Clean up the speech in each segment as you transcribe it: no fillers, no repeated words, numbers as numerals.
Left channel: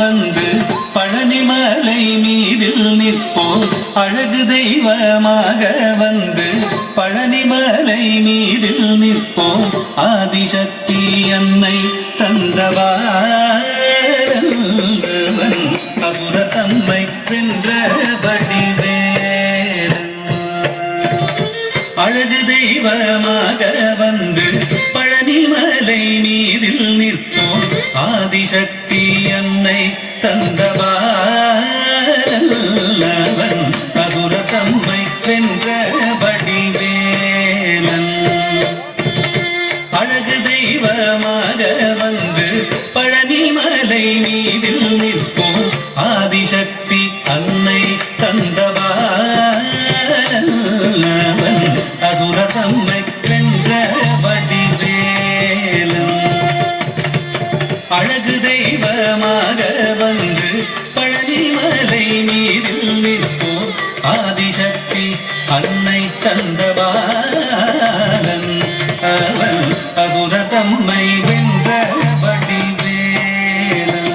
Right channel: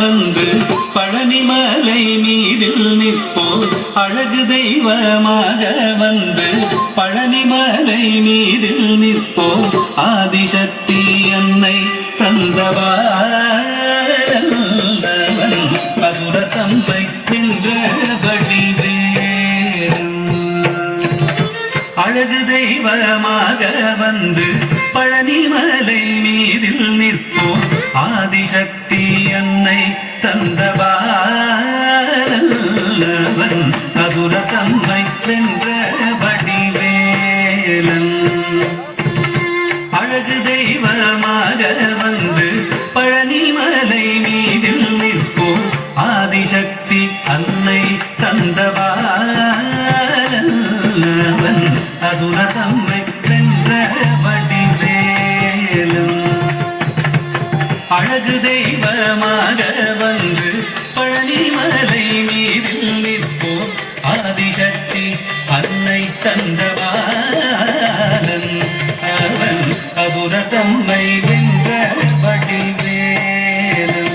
வந்து பழனிமலை மீதில் நிற்போம் அழகு தெய்வமாக வந்து பழனிமலை மீதில் நிற்போம் ஆதிசக்தி அன்னை தந்தவாரவன் அசுர தம்மை வென்றபடி அழகு தெய்வமாக வந்து பழனிமலை மீதில் நிற்போம் ஆதிசக்தி அன்னை தந்தவாரவன் அசுர தம்மை வென்றபடி வேலன் அழகு தெய்வமாக வந்து பழனிமலை மீதில் நிற்போம் ஆதிசக்தி அன்னை தந்தவாரவன் அசுர தம்மை வென்றபடி வேலன் அழகு தெய்வமாக வந்து பழனிமலை மீதில் நிற்போம் ஆதிசக்தி அன்னை தந்தவாரன் அவன் அசுர தம்மை வென்றபடி வேலன்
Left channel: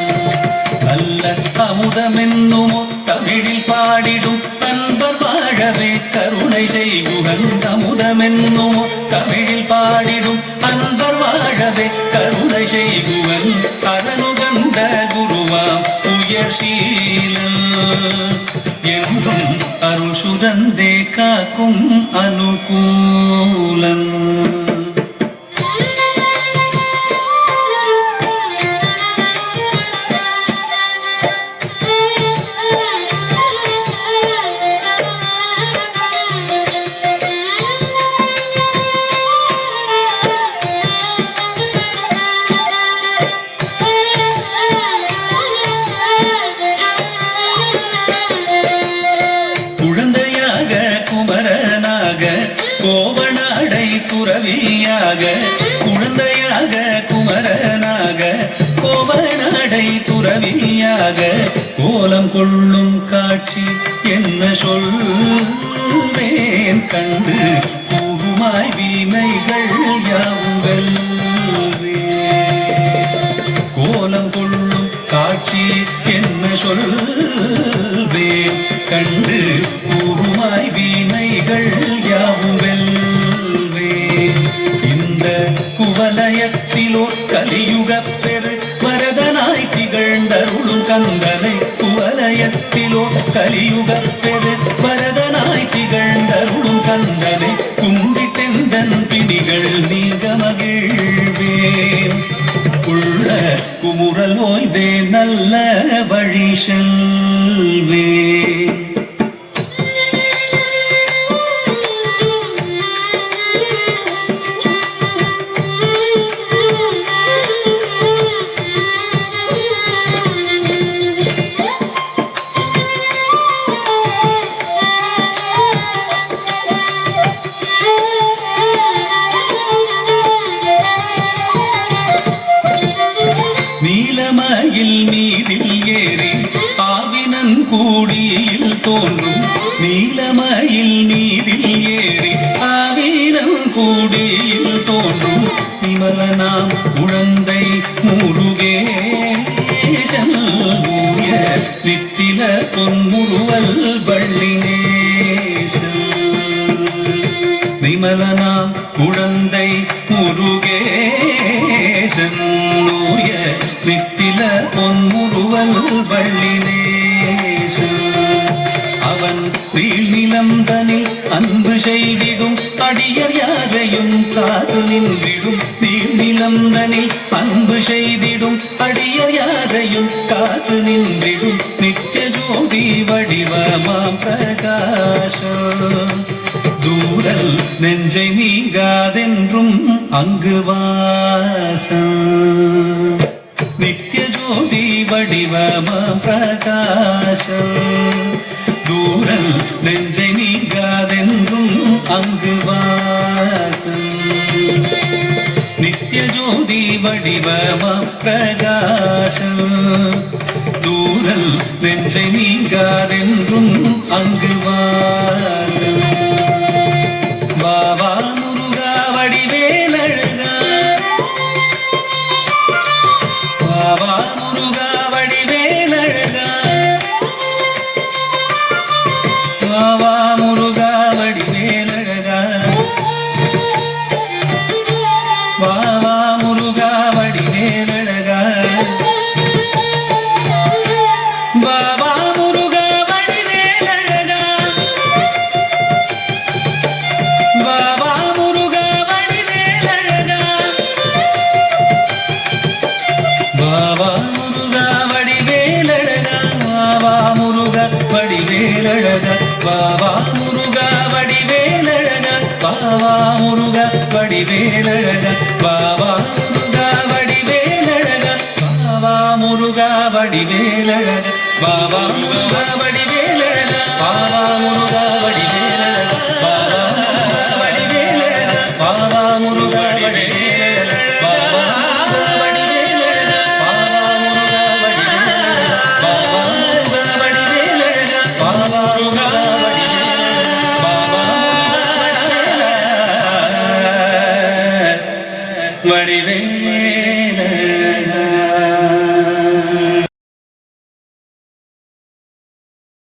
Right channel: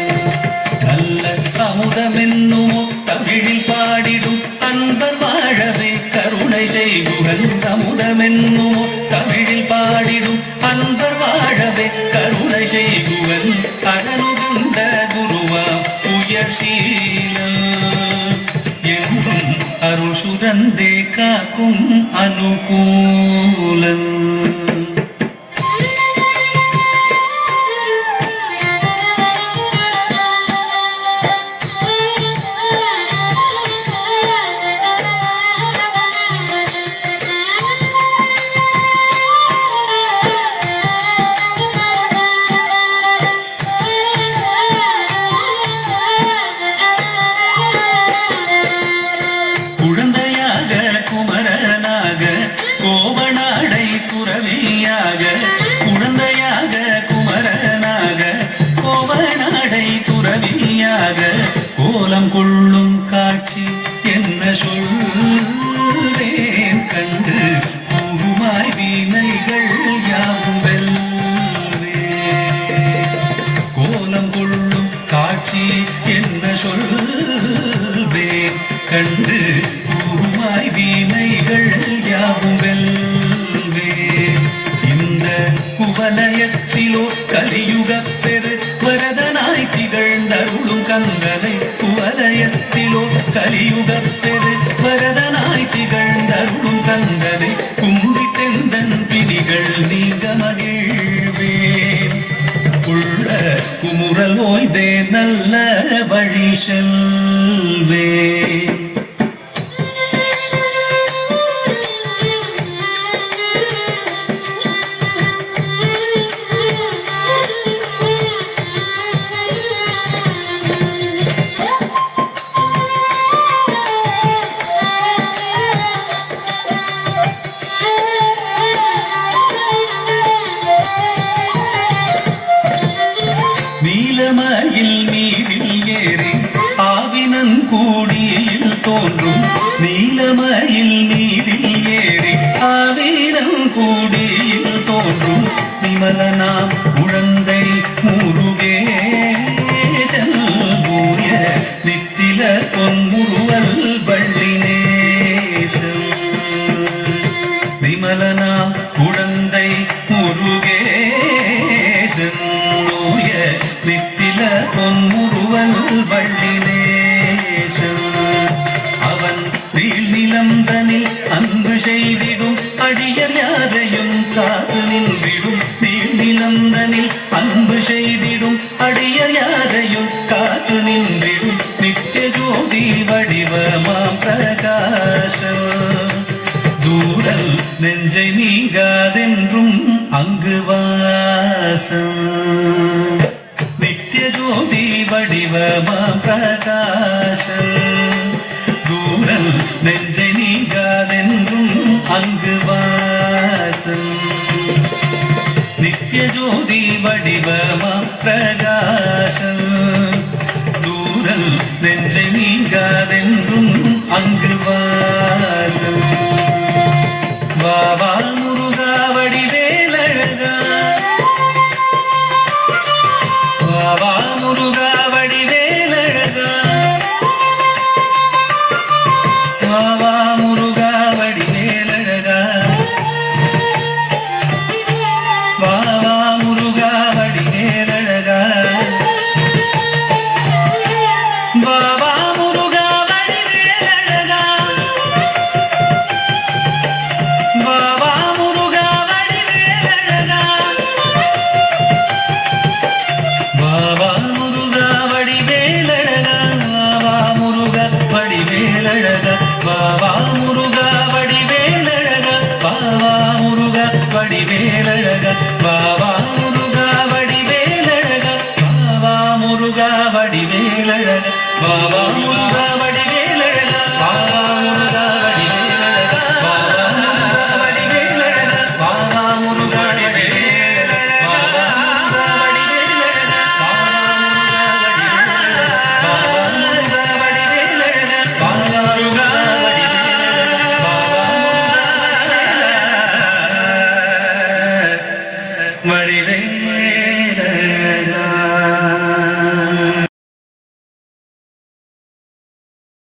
நல்ல அமுதமென்னுமோ தமிழில் பாடிடும் அன்பர் வாழவே கருணை செய்குகன் அமுதமென்னுமோ தமிழில் பாடிடும் அன்பர் வாழவே கருணை செய்குவன் அகனுகந்த குருவாம் உயர்ஷீலன் என்றும் அருள் சுரந்தே காக்கும் அனுகூலன் குழந்தையாக குமரனாக கோவனாடை புரவியாக குழந்தையாக குமரனாக கோவனாடை புரவியாக கோலம் கொள்ளும் காட்சி என்ன சொல்வேன் கண்டு கூறுமாய் வீணைகள் யாவும் வெல்வே கோலம் கொள்ளும் காட்சி என்ன சொல்வேன் கண்டு கூறுமாய் வீணைகள் யாவும் வெல்வே இந்த குவலயத்திலோ கலியுக பெரு வரதனாய் திகழ்ந்தருளும் கந்தனை குவலயத்திலோ கலியுக பெரு வரதனாய் திகழ்ந்தருளும் கந்தனை கும்பிட்டெந்தன் பிடிகள் நீங்க மகிழ்வேன் உள்ள குமுறல் ஓய்தே நல்ல வழி செல்வே நீலமயில் மீதில் ஏறி ஆவினன் கூடியில் தோன்றும் நீலமயில் மீதில் ஏறி ஆவினன் கூடியில் தோன்றும் நிமலனாம் குழந்தை முருகேசன் ஊய நித்தில பொன்முருவல் வள்ளினேசன் நிமலனாம் குழந்தை முருகேசன் ஊய நித்தில பொன்முருவல் வள்ளினேசன் அவன் நீள்நிலந்தனில் அன்பு செய்திடும் அடியர் யாரையும் காத்து நின்றிடும் நீள்நிலந்தனில் அன்பு செய்திடும் அடியர் யாரையும் காத்து நின்றிடும் நித்திய ஜோதி வடிவமாம் பிரகாசம் தூரல் நெஞ்சை நீங்காதென்றும் அங்கு வாசம் நித்திய ஜோதி வடிவமாம் பிரகாசம் தூரல் நெஞ்சை நீங்காதென்றும் அங்கு வாசம் நித்திய ஜோதி வடிவமாம் பிரகாசம் தூரல் நெஞ்சை நீங்காதென்றும் அங்கு வாசம் பாபா முருகா வடிவேலழகா பாபா முருகா வடிவே பாவா முருகா வடிவேலழகா பாவா முருகா வடிவேலழகா பாவா முருகா வடிவேலழகா பாவா முருகா வடிவேலழகா பாவா முருகா வடிவேலழகா பாவா முருகா வடிவேலழகா பாவா முருகா வடிவேலழகா பாவா முருகா வடிவேலழகா பாவா முருகா வடிவேலழகா பாவா முருகா வடிவேலழகா பாவா முருகா வடிவேலழகா